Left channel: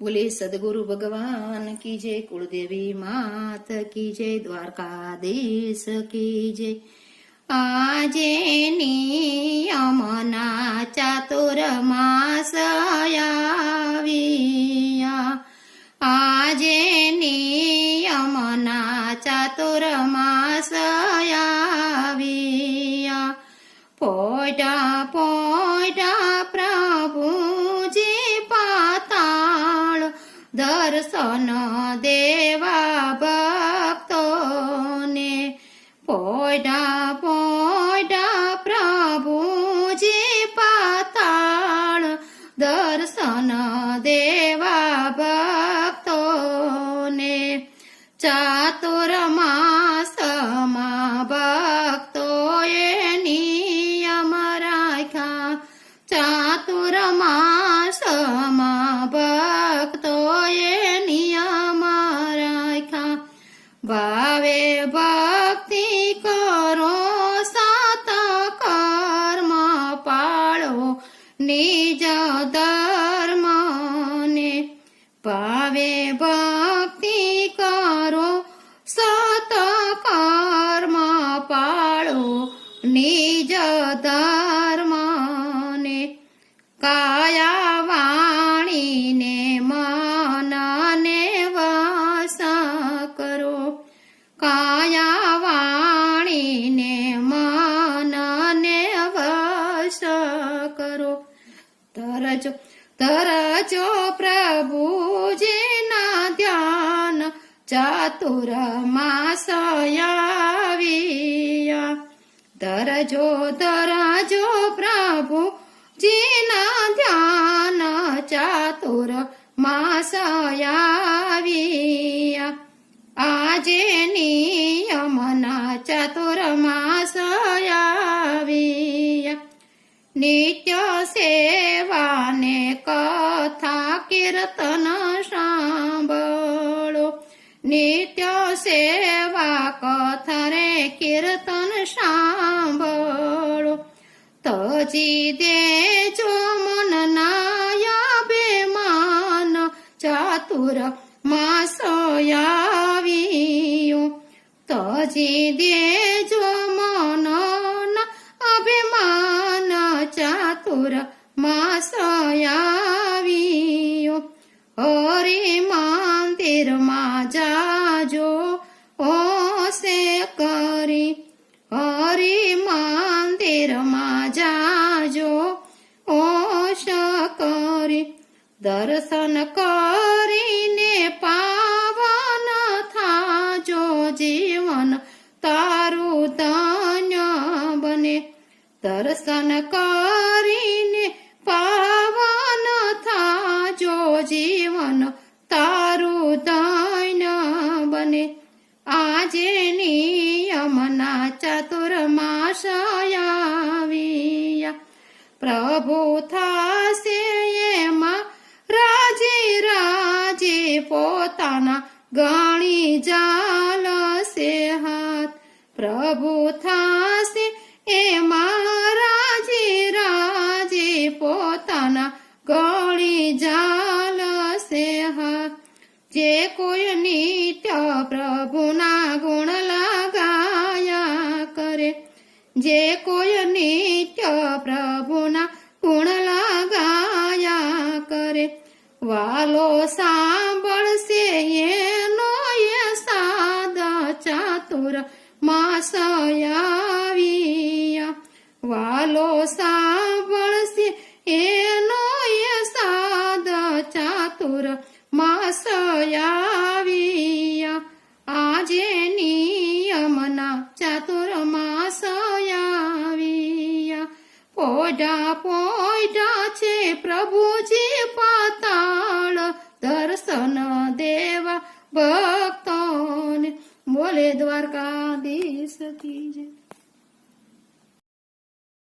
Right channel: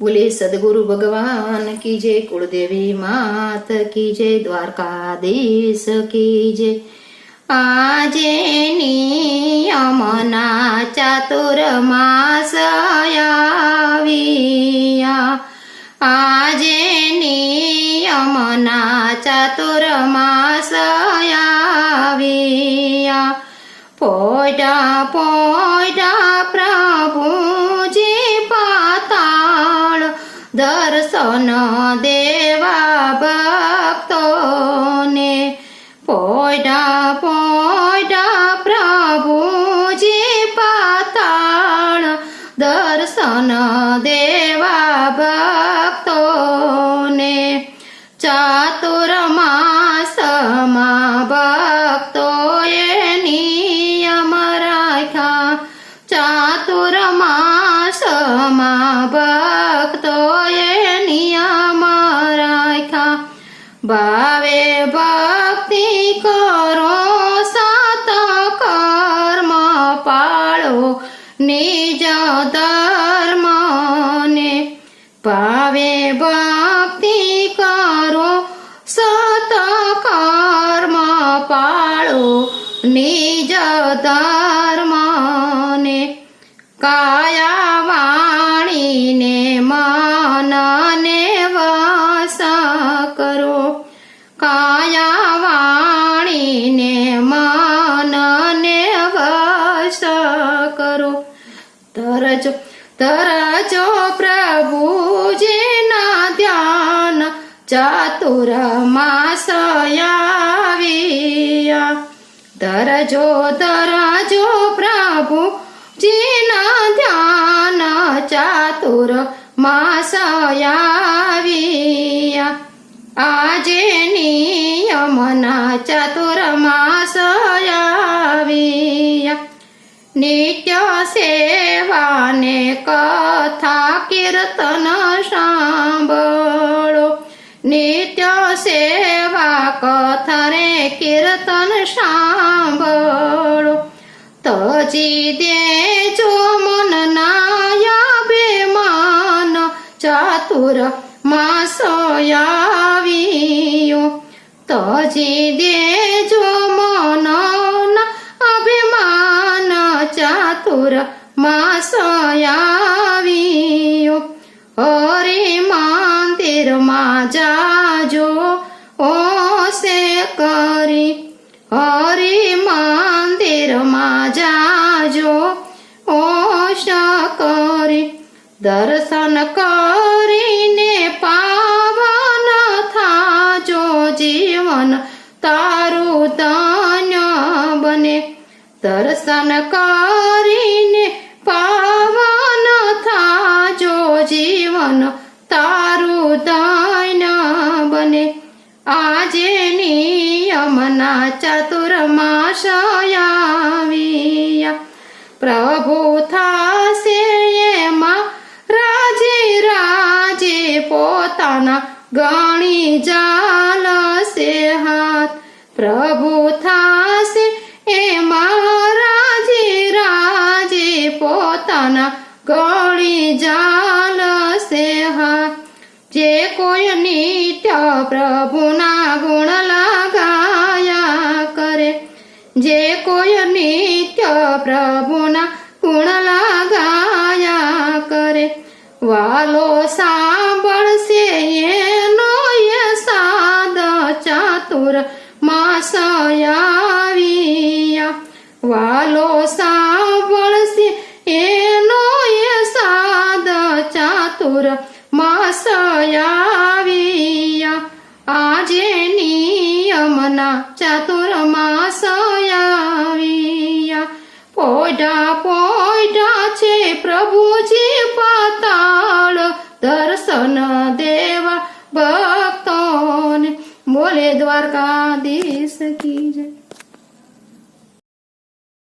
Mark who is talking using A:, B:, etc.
A: બોલે, સદગુરુ ભગવાન કી જય, કુળદેવી માત કી જય, દ્વારકાધીશ કી જય. આજે નિયમના ચાતુર માસયાવિયા આજે નિયમના ચાતુર માસયાવિયા પોટા પોડા દર્શન નિજ ધર્મને કાયા વાણીને મનને વાસ કરો કાયા વાણીને મનને વાસ કરો તરજો તરજો પ્રભુજીના ધ્યાન ચાતુર માસયાવિયા તરજો તરજો પ્રભુ, જીના ધ્યાન ચાતુર માસયાવિયા. આજે નિયમના ચતુર માસયાવિયા. નિત્ય સેવાને કથા કીર્તન સાંભળો. નિત્ય સેવા કથરે કીર્તન સાંભળો તજી દેજો મન નાયા બેમાન ચાતુર આવ્યો તજી દેજો દર્શન કરીને પાવન થાજો જીવન તારું ધન્ય બને. દર્શન કરીને પાવન થાજો જીવન તારું ધન્ય બને. આજે નિયમના ચતુર્માશયાવિયા પોતાના ગણી જાલશે હાથ. પ્રભુ થાશે એમાં રાજે રાજે પોતાના ગણી જાલશે હાથ. જે કોઈ નિત્ય પ્રભુના ગુણ લગાયા કરે, જે કોઈ નિત્ય પ્રભુના ગુણ લગાયા કરે. વાલો મોર માસયાવિયા વાલો સાંભળશે એનો એ સાદ ચાતુર માસયાવિયા આજે નિયમના ચાતુર માસયાવિયા પોડા પોડા છે પ્રભુજી પાતાળ દર્શન દેવા. બ Kijak.